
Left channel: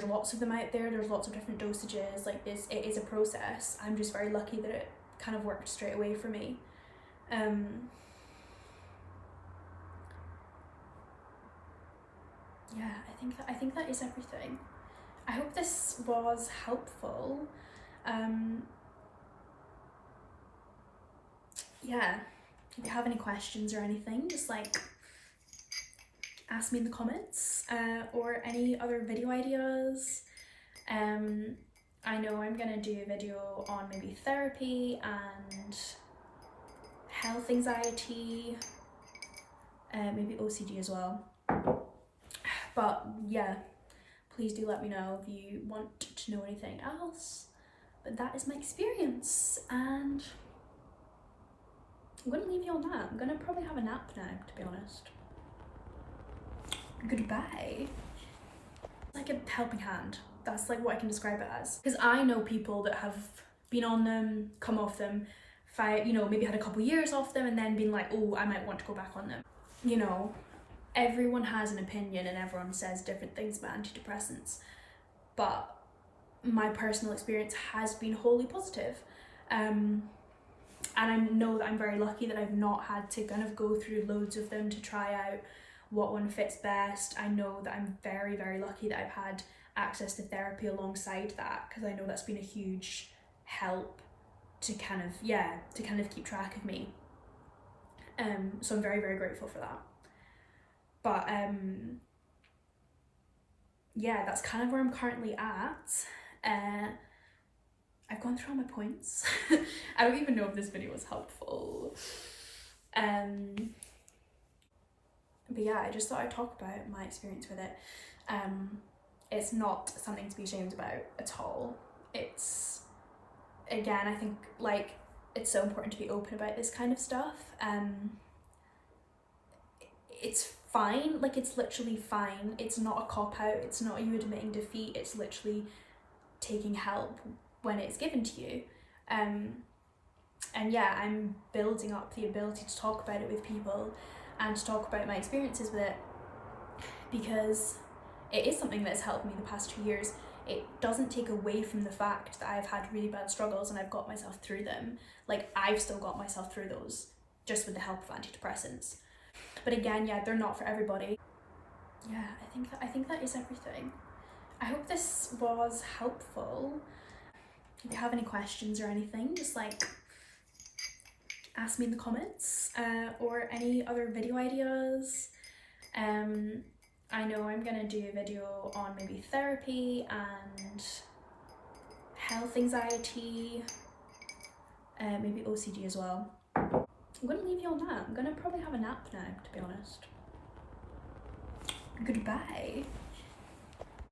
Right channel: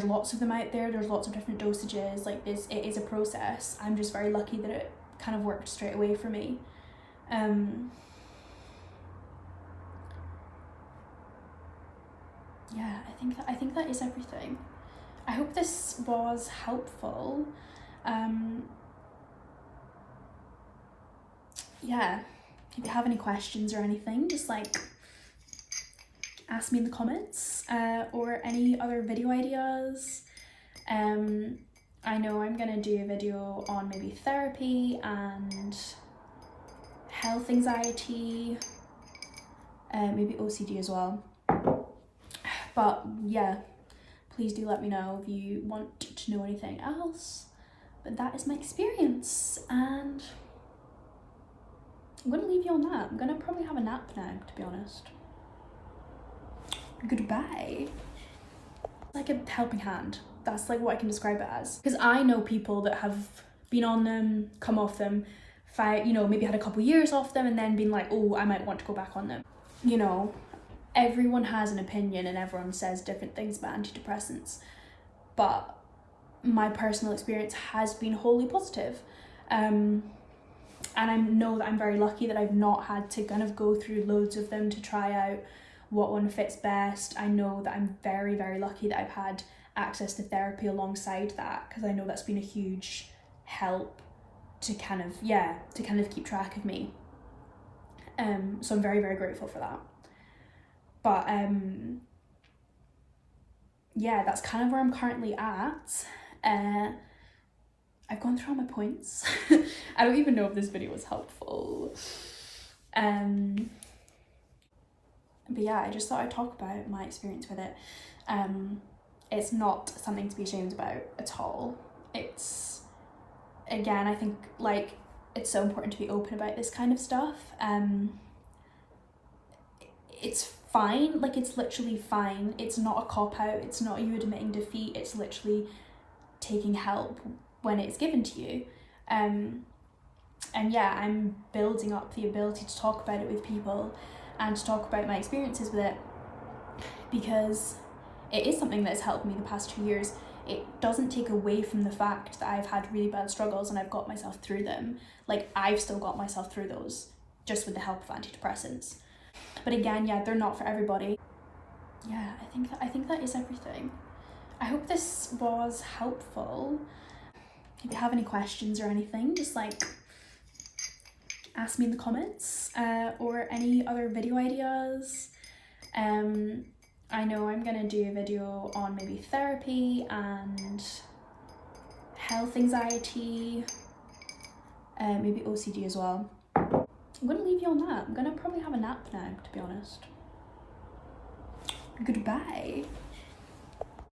lots of them out there, there's lots of different dosages. Like, this, it is a process. I'm just very lucky that it kind of worked straight away for me. Yeah, I think that is everything. I hope this was helpful. Yeah, if you have any questions or anything, just like ask me in the comments, or any other video ideas. I know I'm gonna do a video on maybe therapy and health anxiety, maybe OCD as well. But yeah, please do let me know if you want to know anything else. But that is my experience, and I'm gonna leave you on that. I'm gonna probably have a nap now, to be honest. Goodbye. Like a helping hand. That's like what I can describe it as. Because I know people that have been on them, come off them, you know, maybe had a couple years off them and then been like, oh, I might want to go back on them. You know, everyone has an opinion and everyone says different things about antidepressants, but my personal experience has been wholly positive. And I know that I'm very lucky that I've not had to kind of go through loads of them to try out what one fits best. I know that I'm very, very lucky that I've had access to therapy alongside that, because I know that's been a huge help to kind of keep track of me. So I'm very, very grateful for that. But yeah, that's kind of where I'm currently at. I've gone through all my points. I don't even know if this video was helpful. But yeah, I just thought I'd talk about my experience with it. it's not something to be ashamed about at all. It's, again, I think like it's so important to be open about this kind of stuff. It's fine, like it's literally fine. It's not a cop-out, it's not you admitting defeat, it's literally taking help when it's given to you. And yeah, I'm building up the ability to talk about it with people and to talk about my experiences with it, because it is something that's helped me the past 2 years. It doesn't take away from the fact that I've had really bad struggles and I've got myself through them. Like, I've still got myself through those, just with the help of antidepressants. But again, yeah, they're not for everybody. Yeah, I think that is everything. I hope this was helpful. If you have any questions or anything, just like ask me in the comments, or any other video ideas. I know I'm gonna do a video on maybe therapy and health anxiety, maybe OCD as well. I'm gonna leave you on that. I'm gonna probably have a nap now, to be honest. Goodbye.